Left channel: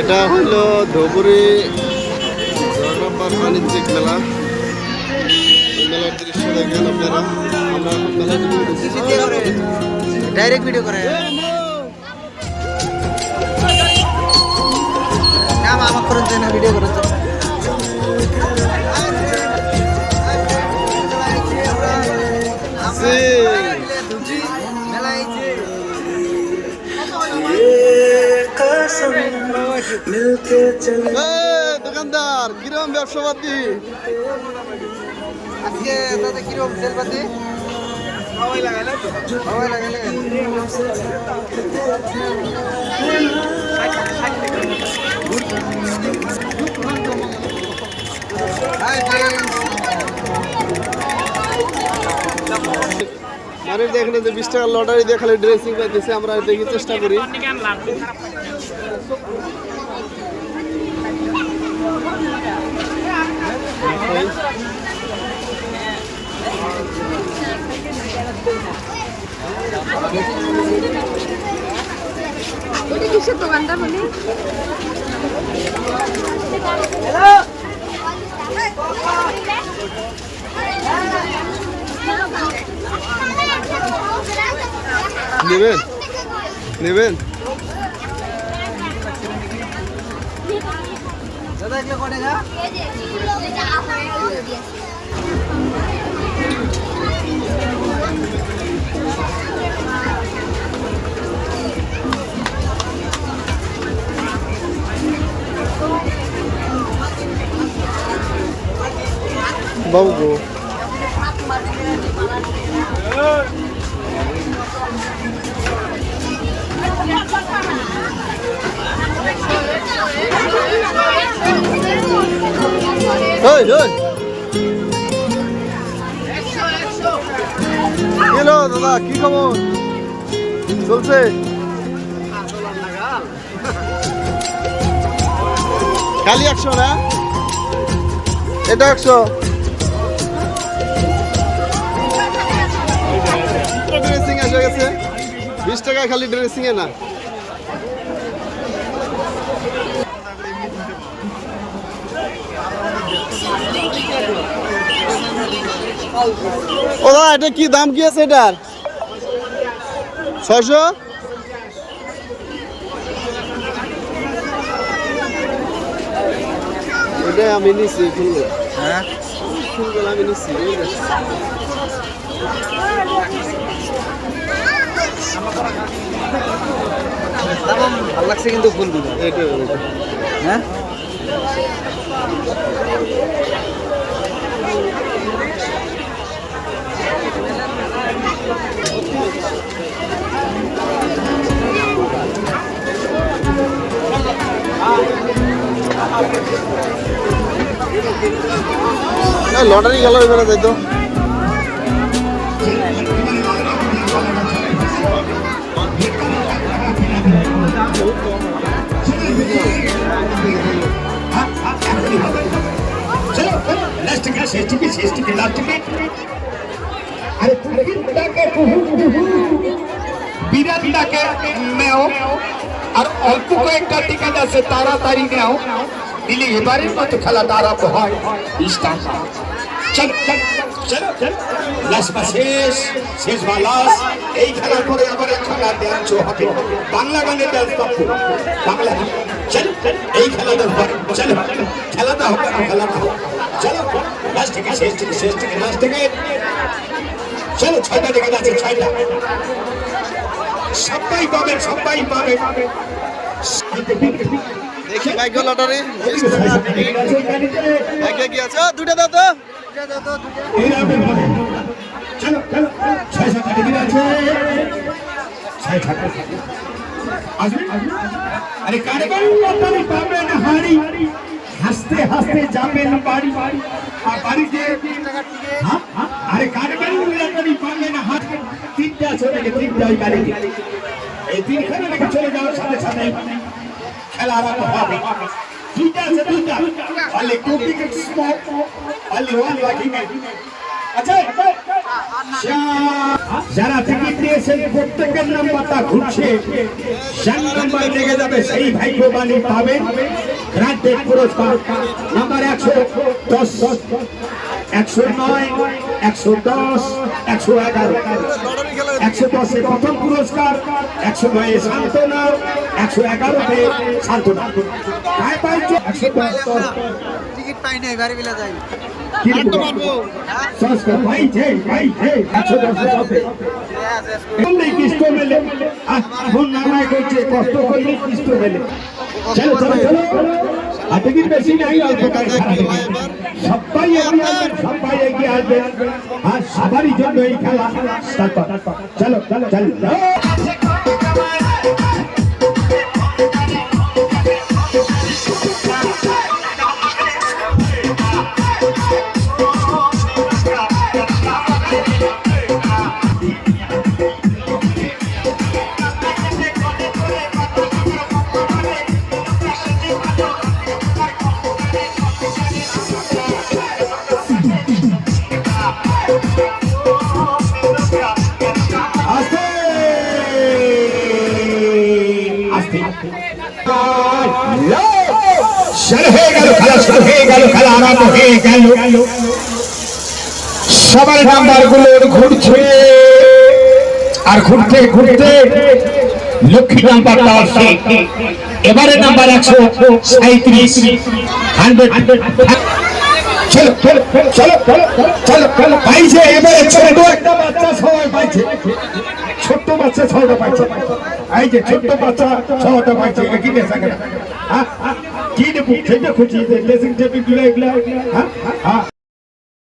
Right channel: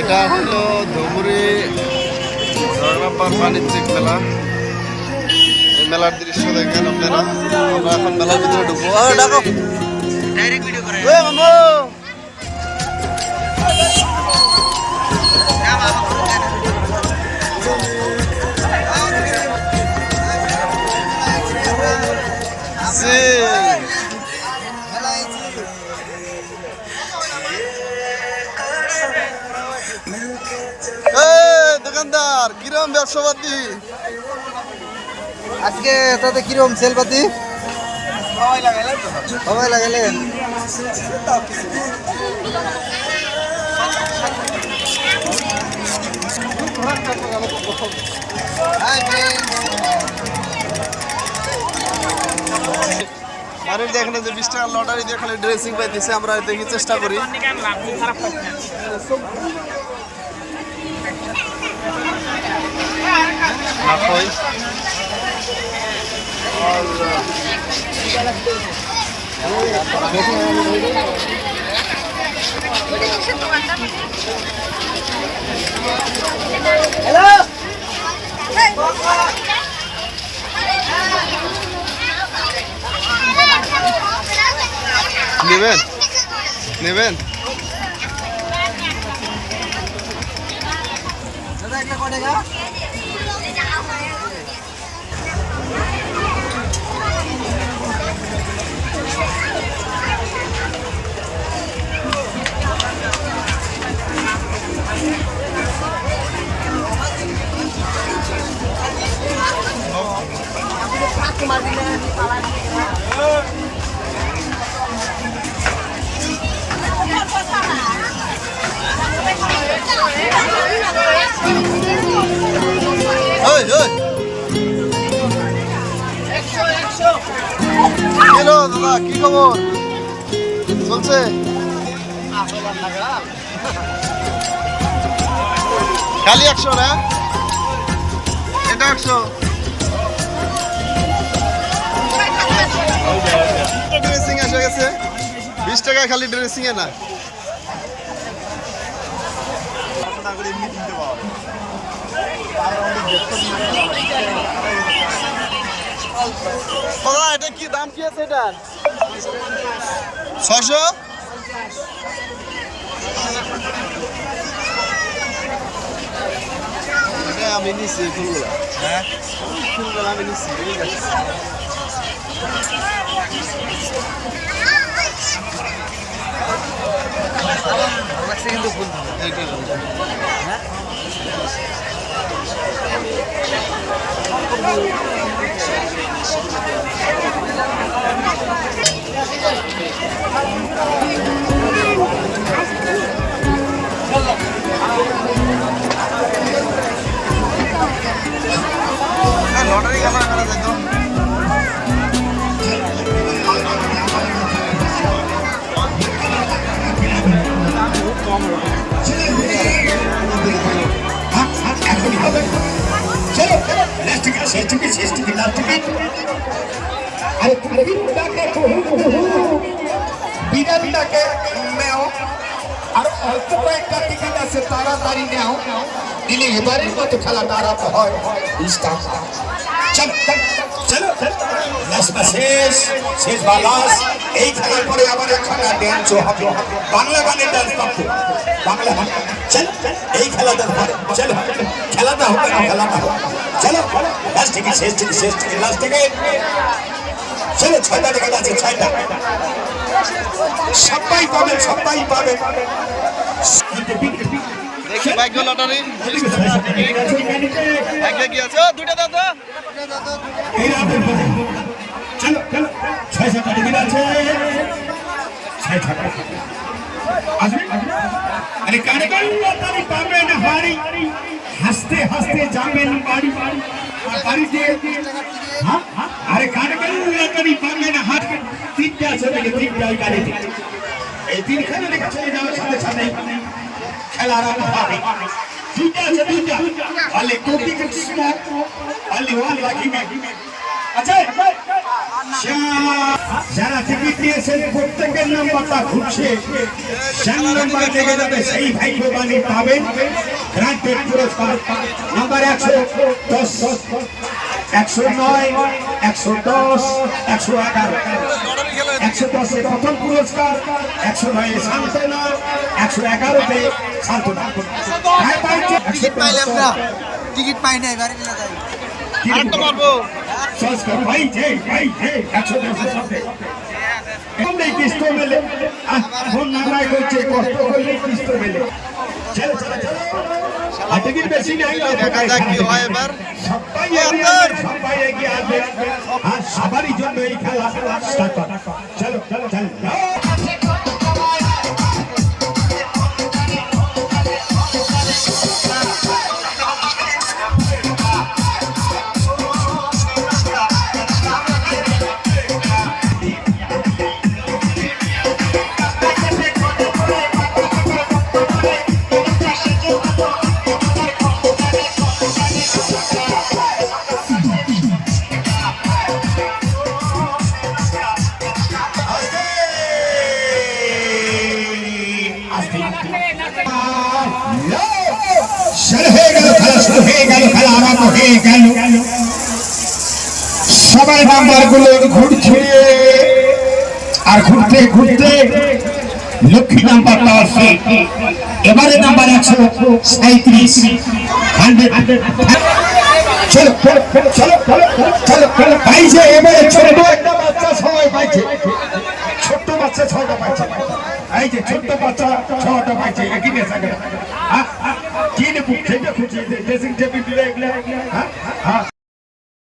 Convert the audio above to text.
এটা হইল ধবুরি জগরাব্বার বাণিজ্যিক মেলা। এই মেলার দৃশ্য দেখেন আপনারা। আমরা এখন মেলার ভিতরে ঢুকবো। ডাইরেক্ট ভিডিও করে দোকানদার কিরম ব্যবসাপাতি আজকে তাতে কিরকম সেল পাতি সবাই লাগাইলেন মানুষ দেখেন যে 20 টাকার লটারি দিয়ে খালি ড্রেসিং পাইতেছে। আমরা দেখি চেষ্টা করি। নেবেন নেবেন দাদা এগুলো কত টাকা? বাবু হ্যালো দাদা, কি খবর? চলছে খালি 100 না? এটা 100 ড্রেসিং এসে গেছে। 20 টাকা খালি ড্রেসিং এ না। ও দাদা, এটা কি দাম কি আছে এটার? 600? এটা আমি নিচ্ছি ফুলগুলা। হ্যাঁ, ফুলগুলা আমি নিচ্ছি। ভালো লাগছে কিন্তু ফুলগুলো। এটা হ্যাঁ লটারি গেল এবারে যাইতো। বিরাটটাকে নেও আর অল্প কয়েকটা টিকিট আছে তাড়াতাড়ি নেও, দিলে এবারের মতো খেলাটা আরম্ভ হয়। 20 টাকা। চলো চলো লাস্টটা শেষ বা লাস্ট। এই খেলার পরে আবার এখন ড্যান্সও হবে, বাংলা গানের ডান্স করতে বাংলা গান। চলো এই খেলাটার পরে চলো খেলাটা হবে না, খেলাটা হবে। চলো লাস্ট থেকে শেষ থেকে লাস্ট থেকে চলো 6টা টিকিট আছে, 6টা সবাই পাবে। দেখি ভাগ্য লটারি 20 টাকা ভাগ্য কি আছে? দুইটা দাও তো। চলো 6-7টা টিকিট আছে। আরে কারবাই লটারি পাবেন হারি, হাসতে হাসতে যাবেন বাড়ি। বাড়িতে আরে কারবাই লটারি পাবেন হারি। 3টা আছে, 3টা ওই গাড়িতে। এই 3খানে রেখে চলে যাওয়ার সাথে সাথে খেলা আরম্ভ হবে। 3টা আছে, 2টা। only 2 tickets, only 1 lucky man. যারা টিকিট নিয়েছে প্রত্যেকের নাম্বারটা ঘুরছে, যার নাম্বার লেগে যাবে সেই ভাগ্যবানী পাবেন গ্রান্টেড পুরস্কার। নাম্বার 110, 109, 110, 111। 110 প্রথম পুরস্কার, 109 সান্ত্বনা, 111 সান্ত্বনা। টিকিট পাই নাই বাড়ি বিলা যাই আরেকটা মারবো সংস্কার ভাই যে 110 সাথে অনেক কিস্ত মেলে, এখন নানা করছে কষ্ট করলে কিস্ত মেলে। চলো চলো চলো, টিকিট বেশি নাই, দেখা যাক কি হয় এবার। সবাই এগিয়ে আসবে আর সবারই জন্য এই খেলা স্টার্ট। চলো চলো চলো। সবাই নাম্বার গুলো ঘুরছে আর ঘুরতে ঘুরতে লক্ষ্মী নাম্বারটা আসছে। এবারে নাম্বার 137, 100। চলো চলো চলো চলো চলো পাইছে। এবারে ছোট একটা বাচ্চা সবাই পাইছে, ছোট্ট বাচ্চা 6টা পাইছে। এই যে ছোট্ট বাচ্চা 6টা পাইছে। একই নেশা করে কি নেবো, খুঁজি ড্রেসিং টেবিল দিলে এগুলা।